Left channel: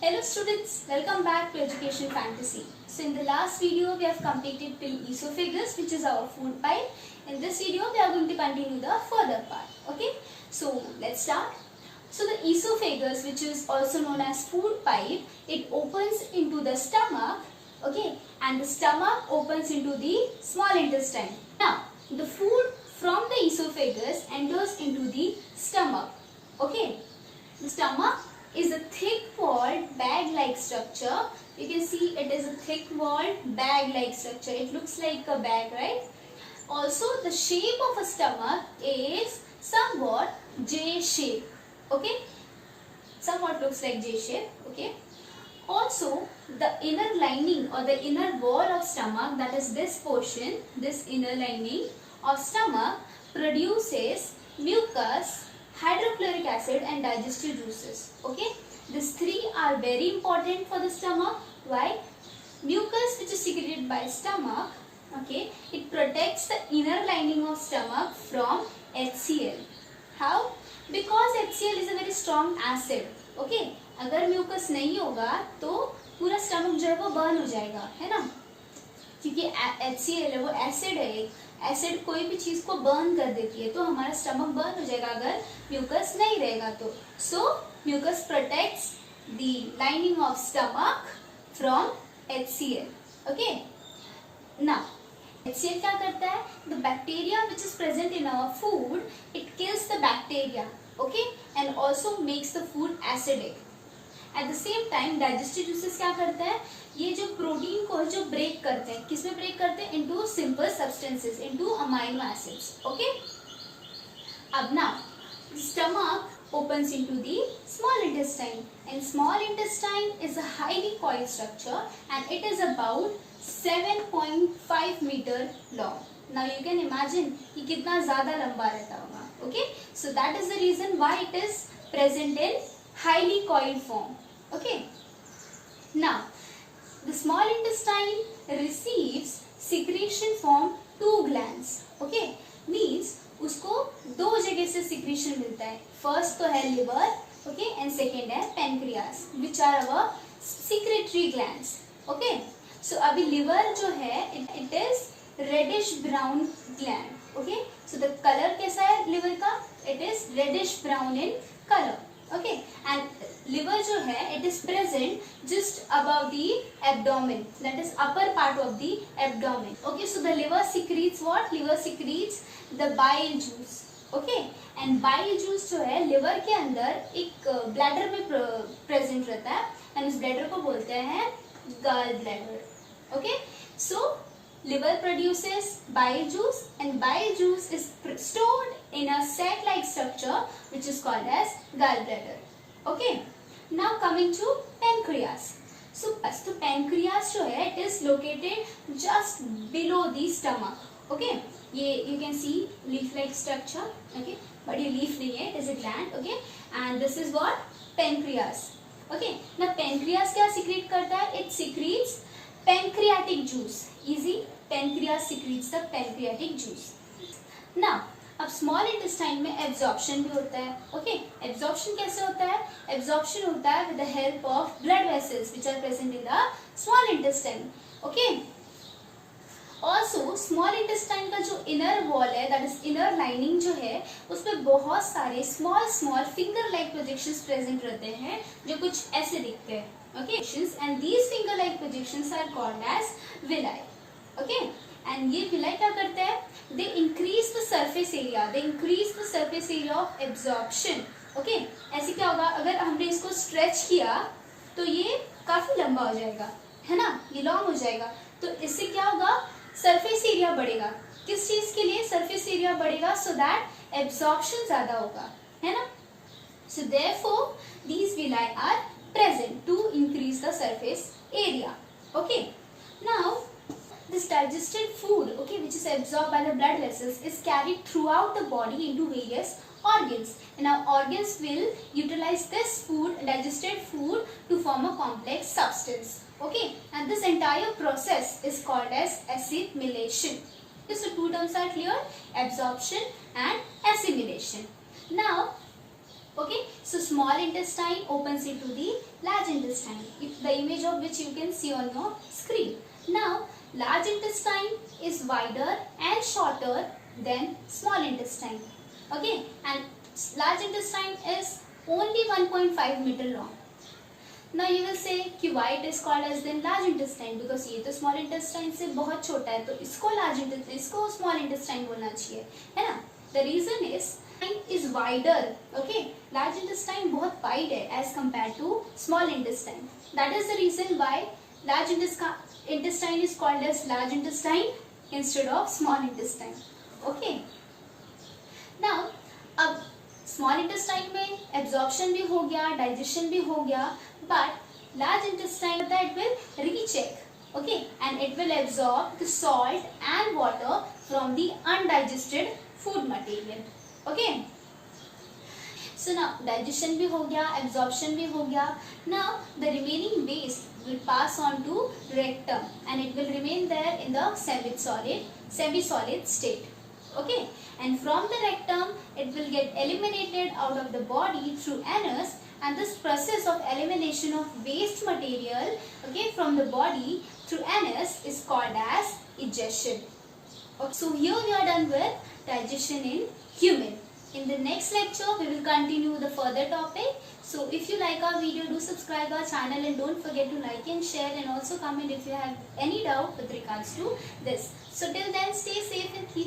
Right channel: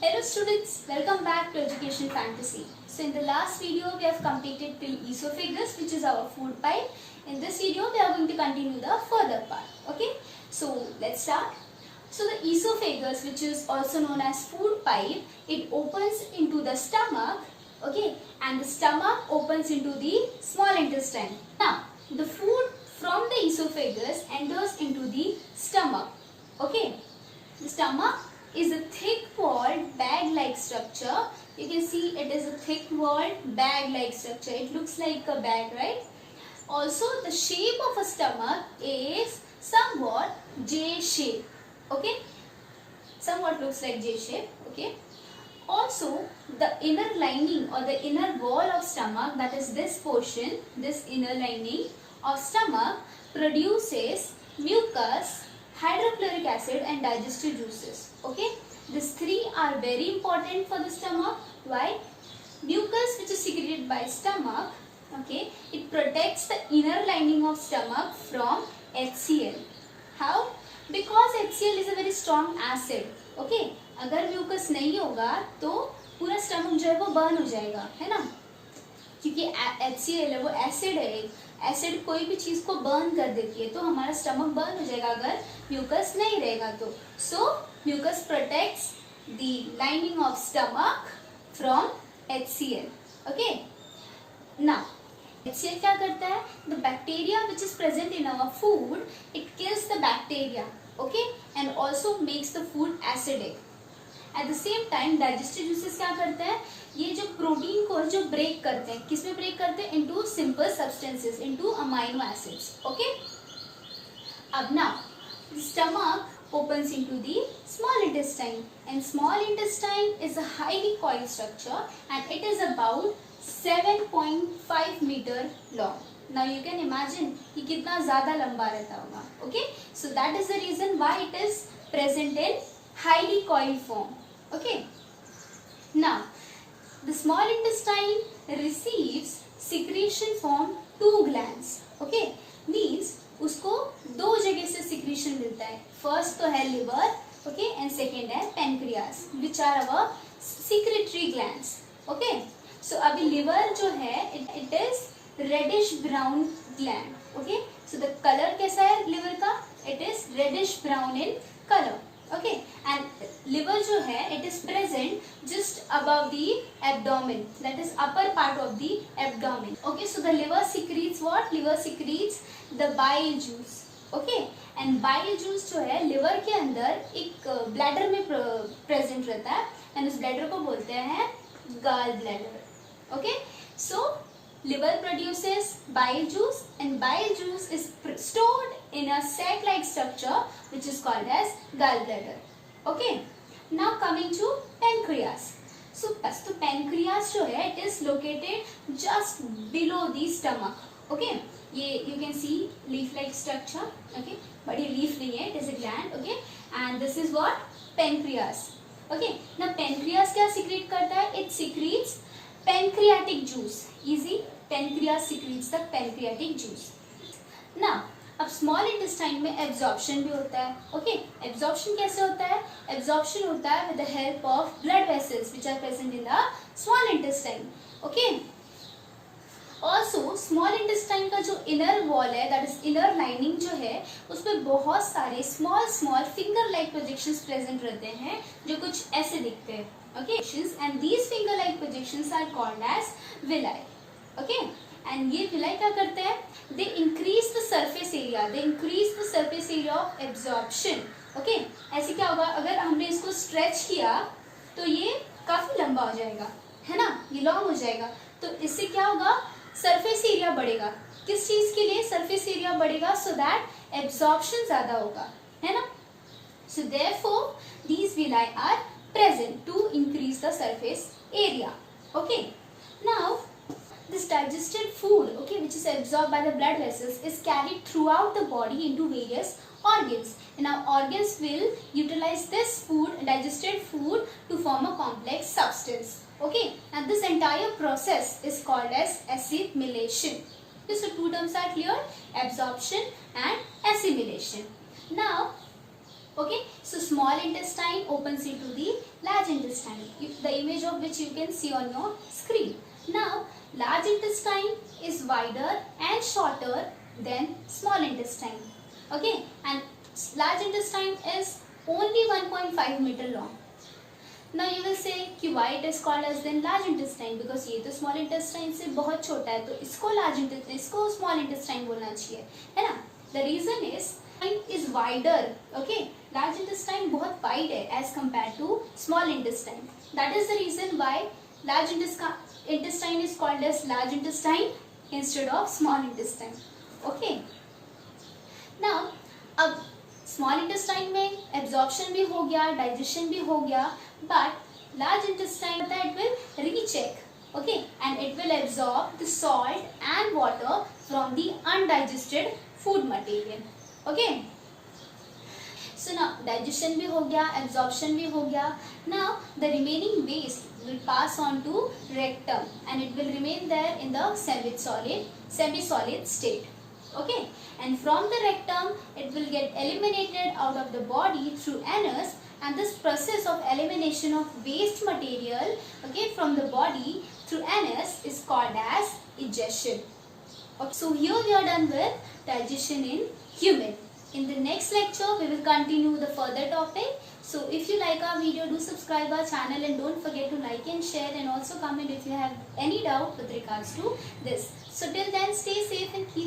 Hello students, welcome back to Education Fantasy. So in the last video we have completed till esophagus, which is our food pipe. In this video we are going to continue the further part. Okay, so let's start. So the esophagus, which is also known as food pipe, it opens into the stomach. Okay, and the stomach opens into the small intestine. Now the food from the esophagus enters into the stomach. Okay, the stomach is a thick-walled bag-like structure. You can see it is a thick-walled bag-like structure. It looks like a bag, right? Also, the shape of a stomach is somewhat J-shape. Okay, somewhat looks like J-shape. Okay. Also, the inner lining or the inner wall of stomach, that is this portion, this inner lining of stomach, produces mucus, hydrochloric acid and digestive juices. Okay, these three are very important for the stomach. Why? Mucus, which is secreted by stomach, okay, it protects the inner lining of stomach from HCl. How? Because HCl is a very strong acid. Okay, अगर mucus नहीं होगा तो पूरा stomach जो है वो burn हो जाएगा, है ना, क्योंकि HCl है वो एसिड है. एसिड कोई भी चीज को बर्न कर देती है, तो हमारा स्टमक बर्न हो जाएगा अगर म्यूकस नहीं रहेगा तो. So mucus protects the lining of stomach from HCl. Okay, now HCl क्या करता है? The bacteria which is present in our food, it kills the bacteria. Okay, and also makes the food acidic. At the same time digestive juices क्या करते हैं? ये जो protein को जो ब्रेक करते हैं, किसमें ब्रेक करते हैं? Into simple substances, into amino acids. Okay, अब ना stomach opens into the small intestine, and small intestine is a highly coiled structure and it is about 7.5 meter long. Now you can imagine कि कितना ज़्यादा लंबा रहता होगा. Okay, so that is the reason why it is present in highly coiled form. Okay, now the small intestine receives secretion from two glands. Okay, means उसको दो जगह से सिक्रीशन मिलता है. फर्स्ट तो है लिवर, ओके, एंड सेकेंड है pancreas, which are our secretory glands. Okay, so अभी लिवर जो है it is reddish brown gland. Okay, so the colour कैसा है लिवर का? It is reddish brown in colour. Okay, and liver जो है it is present just above the abdomen, that is upper part of the abdomen. Okay, so the liver secretes what? Liver secretes the bile juice. Okay, and bile juice जो है liver के अंदर एक bladder में present रहता है, and उस bladder को बोलते हैं gall bladder. Okay, so liver produces bile juice and bile juice is stored in a sac-like structure which is called as gallbladder. Okay, now coming to pancreas. So pancreas जो है it is located just below the stomach. Okay, ये you can see leaf-like structure. Okay, but ये leaf नहीं है, it is a gland. Okay, and this is what? Pancreas. Okay, now pancreas क्या secrete करता है? It secretes pancreatic juice. Easy, pancreas secretes the pancreatic juice. Now, अब small intestine में absorption भी होता है. Okay, absorption कैसे होता है? Absorption होता है with the help of blood vessels which are present in the small intestine. Okay. Also, small intestine का जो inner wall है, that is inner lining जो है, उसमें बहुत सारे small finger-like projections present रहते हैं, जो कुछ ऐसे दिखते हैं. Okay, and these finger-like projections are called as villi. Okay, and ये villi क्या करते हैं? They increase the surface area. They increase the surface area of absorption. Okay, ऐसे क्या होगा? अगर हमने इसको stretch किया तो ये काफी लंबा हो जाएगा, है ना? ये long हो जाएगा. तो इससे क्या होगा? सरफेस एरिया बढ़ेगा. किस चीज के लिए सरफेस एरिया बढ़ेगा? सो दैट एब्जॉर्प्शन ज्यादा होगा, है ना? So therefore these villi are present to increase the surface area. Okay, now this digested food, okay, which is absorbed by the blood vessels, is carried throughout the body into various organs, and our organs will utilize this food, digested food, to form a complex substance. Okay, and this entire process is called as assimilation. Okay, so two terms are clear: absorption and assimilation. Now Okay, so small intestine opens into the large intestine, the image of which you can see on your screen. Now, large intestine is wider and shorter than small intestine. Okay, and large intestine is only 1.5 meter long. Now you will say कि why it is called as then large intestine, because ये तो small intestine से बहुत छोटा है, तो इसको large intestine, इसको small intestine बोलना चाहिए, है ना? The reason is wider. Okay, large intestine बहुत wide है as compared to small intestine. That is the reason why large intestine is called as large intestine instead of small intestine. Okay. Now अब small intestine में absorption भी हो गया, digestion भी हो गया, but large intestine it will recheck, okay, and it will absorb the salt and water from the undigested food material. Okay, so now digestion भी हो गया, एब्जॉर्प्शन भी हो गया. Now the remaining waste will pass on to rectum and it will remain there in the semi-solid state. Okay, and from the rectum it will get eliminated out of the body through anus, and this process of elimination of waste material, okay, from the body through anus is called as egestion. Okay, so here we are done with digestion in human. In the next lecture we will continue the further topic. So if you like our video, do subscribe our channel and don't forget to like and share, and also comment if you have any doubt with regards to this. So till then, stay safe and keep